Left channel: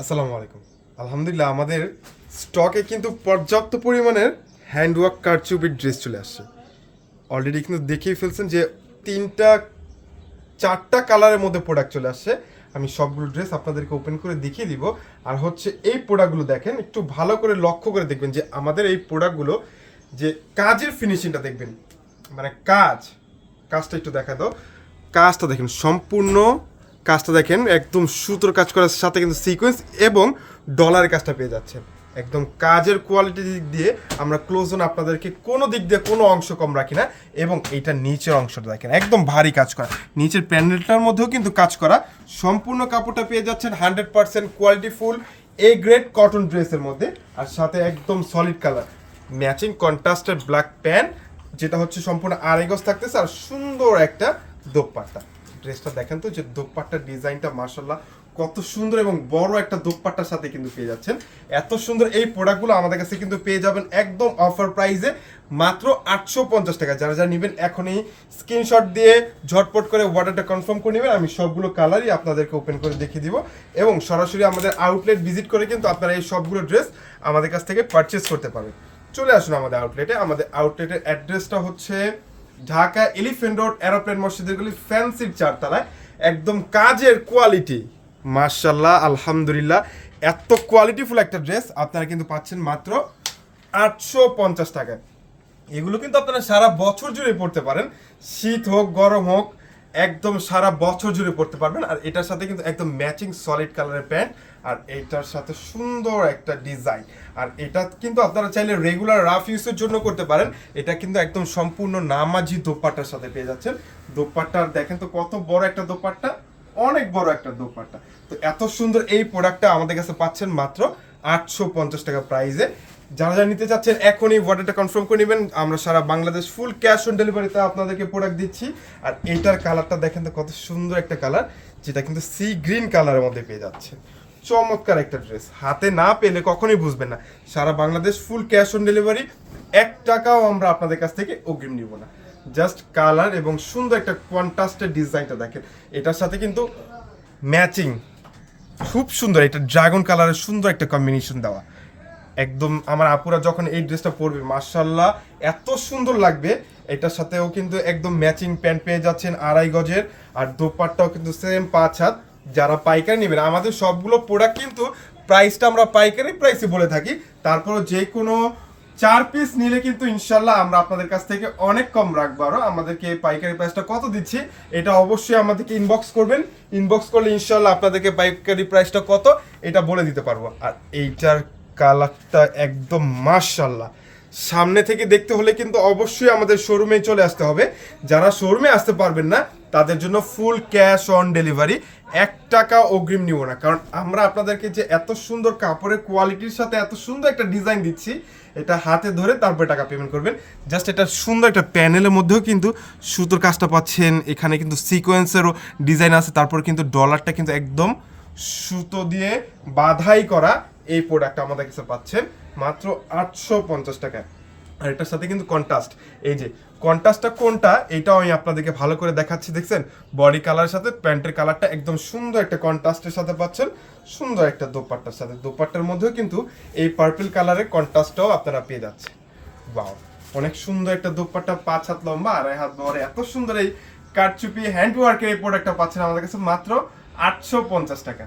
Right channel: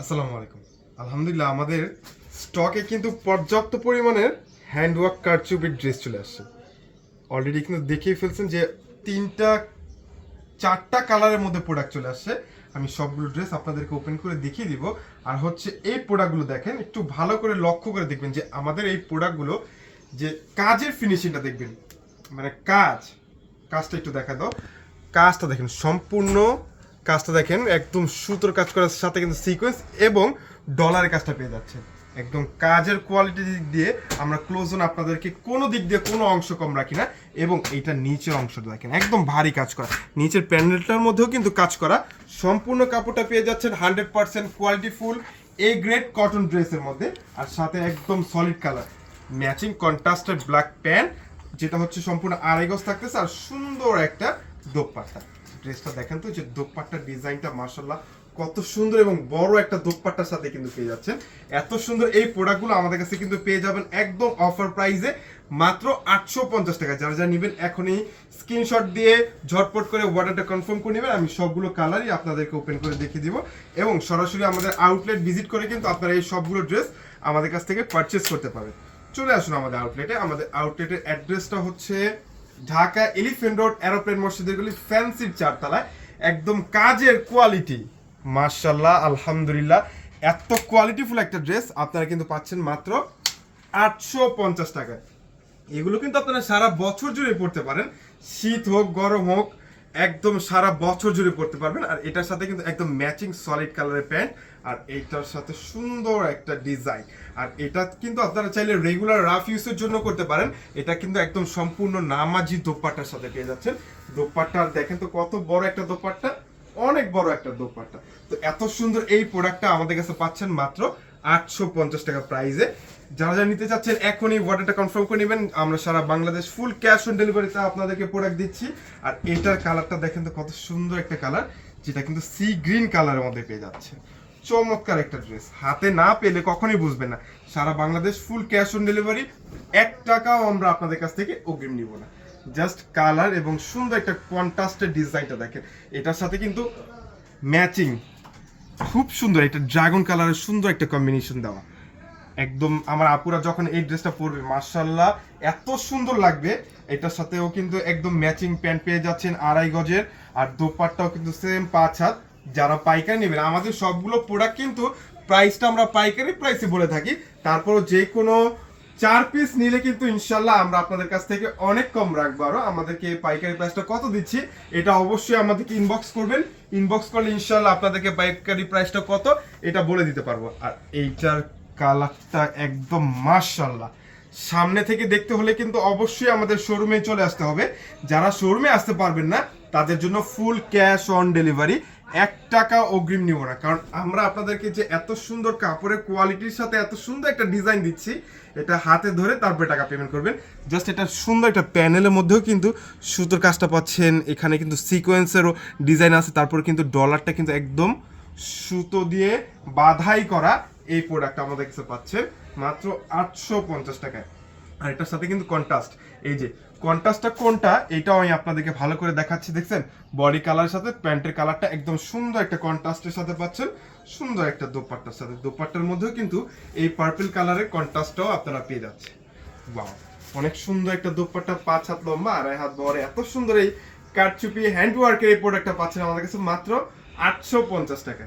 আসসালামু আলাইকুম। আলহামদুলিল্লাহ, আমাদের স্টকে কিন্তু পর্যাপ্ত পরিমাণের হ্যান্ডওয়ার্ক কারচুপির ড্রেস চলে আসছে। অলরেডি কিন্তু দেখেই ফেলছেন যে তিনটা, চারটা কালারের মধ্যে প্রোডাক্ট চলে আসছে। আমি সবগুলো ড্রেস আপনাদেরকে ওপেন করে দেখিয়ে দিব। আর হচ্ছে এই প্রোডাক্টগুলো দেখেন, একটু ভালো করে লক্ষ্য করে দেখবেন যে আমাদের এই প্রোডাক্টগুলো যে কাজের ফিনিশিংটা দেখবেন মানে কাজ, কাজটা একটু দেখা দাও। কাজটা দেখেন, সম্পূর্ণ কাজটা দেখেন, একদম সুতোর কাজ করার সাথে কিন্তু সিকোয়েন্স এবং ডলারের কাজটা পেয়ে যাচ্ছেন। একদম কাজের কোয়ালিটি দিক দিয়ে আমরা ক্লোজ অন আপনাদেরকে কোনো দিক দিয়ে কোনো অংশ কম রাখি না এবং এটা নিচের অংশটা দেখেন, একদম ভারী কাজ করা। নিচের প্যান্ডেলটার মধ্যেও কিন্তু কাজ করা। সম্পূর্ণ কাপড়টা পেয়ে যাচ্ছেন hundred percent quality full A grade cotton ড্রেসের মধ্যে। আর সাথে একদম solid colour matching contrasted black pant যেটা হচ্ছে সম্পূর্ণ আড়াই থাকতেছে আর সুন্দর একটা দোপাট্টা। ড্রেসটা দেখেন তো, যে দোপাট্টার ডিজাইনটা মার্শাল্লাহ কত সুন্দর এবং বড় একটা দোপাট্টার সাথে কিন্তু পেয়ে যাচ্ছেন। এত সুন্দর এই প্রোডাক্টগুলো আমাদের কাছে কিন্তু পেয়ে যাবেন একদম অফার প্রাইসে মাত্র আটশো পঞ্চাশ টাকা। যারা যারা নেবেন এখনই স্ক্রিনশট দিয়ে ঝটপট করে অর্ডারটা কনফার্ম করে নেবেন, আমি সবগুলো কালারই আপনাদেরকে ওপেন করে দেখিয়ে দিব এবং সরাসরি আমাদের আউটলেট ভিজিট করে কিন্তু আপনারা এই সবগুলো ড্রেস আমাদের কাছ থেকে পারচেস করতে পারবেন। চলে আসুন আমাদের আউটলেটে। আমাদের আউটলেটের অ্যাড্রেসটা হচ্ছে ঢাকা এলিফেন্ট রোড এরোপ্লেন মসজিদের গুলি ফ্যান্সির চারতলায়। একদম কাজের কোয়ালিটি মার্শাল্লাহ আলহামদুলিল্লাহ। এত কোয়ালিটিফুল একটা ড্রেস আপনারা কিন্তু পাচ্ছেন মাত্র আটশো পঞ্চাশ টাকায়। এগুলো কিন্তু আপনারা সারা বছর জুড়ে পড়তে পারেন। শীত হোক, গরম হোক একদম সারা বছর জুড়ে পড়তে পারবেন। আর এটার সাথে কিন্তু একদম ম্যাচিং সলিড কালারের প্যান্ট আর এটার সাথে সুন্দর একটা ডিজাইন আর এটা কিন্তু আপনারা চাইলে রেগুলার রাফ ইউজের জন্য করতে পারেন। এটা কিন্তু একদম সম্পূর্ণ নামাজি দোপাট্টার সাথে পেয়ে যাচ্ছেন। দোপাট্টার দেখেন তো কত বড় একটা দোপাট্টা, অনেক বড় একটা দোপাট্টা। তো এত সুন্দর এই প্রোডাক্টটা আমাদের কাছে পাচ্ছেন মাত্র আটশো পঞ্চাশ টাকা প্রাইসে যারা যারা নিতে চাচ্ছেন, এখনই অর্ডারটা কনফার্ম করে নেবেন। আমরা সারা বাংলাদেশ ফুল ক্যাশ অন ডেলিভারিতে আপনাদেরকে প্রোডাক্ট দিচ্ছি। আর এটার কালারটা দেখেন তো, কত সুন্দর একটা কালার যেটা কিন্তু সি গ্রিন কালারের মধ্যে পেয়ে যাচ্ছেন। চমৎকার একটা ড্রেস হাতে না পেলে কখনোই বুঝবেন না। সারা Bangladesh full cash on delivery এক টাকাও আমরা আপনাদের কাছ থেকে অগ্রিম নিব না। জাস্ট কালার এবং সুন্দর একটা কন্ট্রাস্টের ডিজাইনটা দেখেন। এটার সাথে কিন্তু ম্যাচিং খুব সুন্দর একটা ড্রাগন কালারের সুন্দর একটা কম্বিনেশন দেওয়া। একদম আমার আপুরা যখন এই ড্রেসটা পরবে মার্শাল্লাহ এত সুন্দর লাগবে। এটার সাথেও কিন্তু একদম ম্যাচিং প্যান্ট পেয়ে যাচ্ছেন আড়াই গজের, আর দোপাট্টাও কিন্তু সেম পাঁচ হাত। যারা পাইকারি নেবেন, আমাদের সবগুলো প্রোডাক্ট কিন্তু প্রাইসটা আমরা পাইকারি প্রাইসে বলে থাকি। তারপরও যে কোনো চার পিস নিলে কিন্তু ইনশাল্লাহ আমরা আপনাদের কাছ থেকে অনেক কম রাখব। আরও আমাদেরকে পাইকারি প্রাইসটা কত দিচ্ছি, এটা অবশ্যই আমাদেরকে ইনবক্স করবেন। ইনবক্স করলে ইনশাল্লাহ আপনাদেরকে পাইকারি প্রাইসটা কত, এটা বলে দিতে পারব। আর এইটার কালারটা একদম মার্শাল্লাহ সামনে থেকে দেখতে হলে কিন্তু অবশ্যই আমাদের শোরুমে চলে আসতে হবে। যারা শোরুমে আসতে পারবেন না, তাদের জন্য ফুল ক্যাশ অন ডেলিভারি এক টাকা অগ্রিম নিব না। কারণ আমরা আপনাদেরকে যে এত সুন্দর কাপড়ের কোয়ালিটির সাথে এত সুন্দর একটা ডিজাইন দিচ্ছি, এটা হাতে ধরে তারপরে টাকা পেমেন্ট করবেন। জাস্ট এটা সুন্দর একটা প্যানেলের মধ্যেও কিন্তু সুতোর কাজটা পাচ্ছেন। এখানে কিন্তু সিকোয়েন্সেরও ডিজাইন আছে। তারপর কিন্তু ডলারটা কিন্তু একদম সুতো দিয়ে বাধাই করা। এই প্রোডাক্ট আমাদের কাছে পাচ্ছেন মাত্র আটশো পঞ্চাশ টাকায়। আর এটার সাথে কিন্তু কন্ট্রাস্ট এই যে কন্ট্রাস্টটা কোনটা? এটাও আমি আপনাদেরকে ভালো করে দেখাচ্ছি, দেখছেন? বডি কালারের সাথে, প্যান্টের কালারটা একদম সুন্দর একটা কন্ট্রাস্টের সাথে পাচ্ছেন। সুন্দর একটা দোপাট্টার সাথে। দোপাট্টার মধ্যেও কিন্তু এই পার্পল কালারের কন্ট্রাস্টটাও আপনারা পেয়ে যাচ্ছে বাও অনেক সুন্দর একটা দোপাট্টা, পাঁচ হাত লম্বা, আড়াই হাত বড়, এত সুন্দর এই কারচুপি হ্যান্ড ওয়ার্কের এই প্রোডাক্টটা পাচ্ছেন আমাদের কাছে মাত্র আটশো পঞ্চাশ টাকা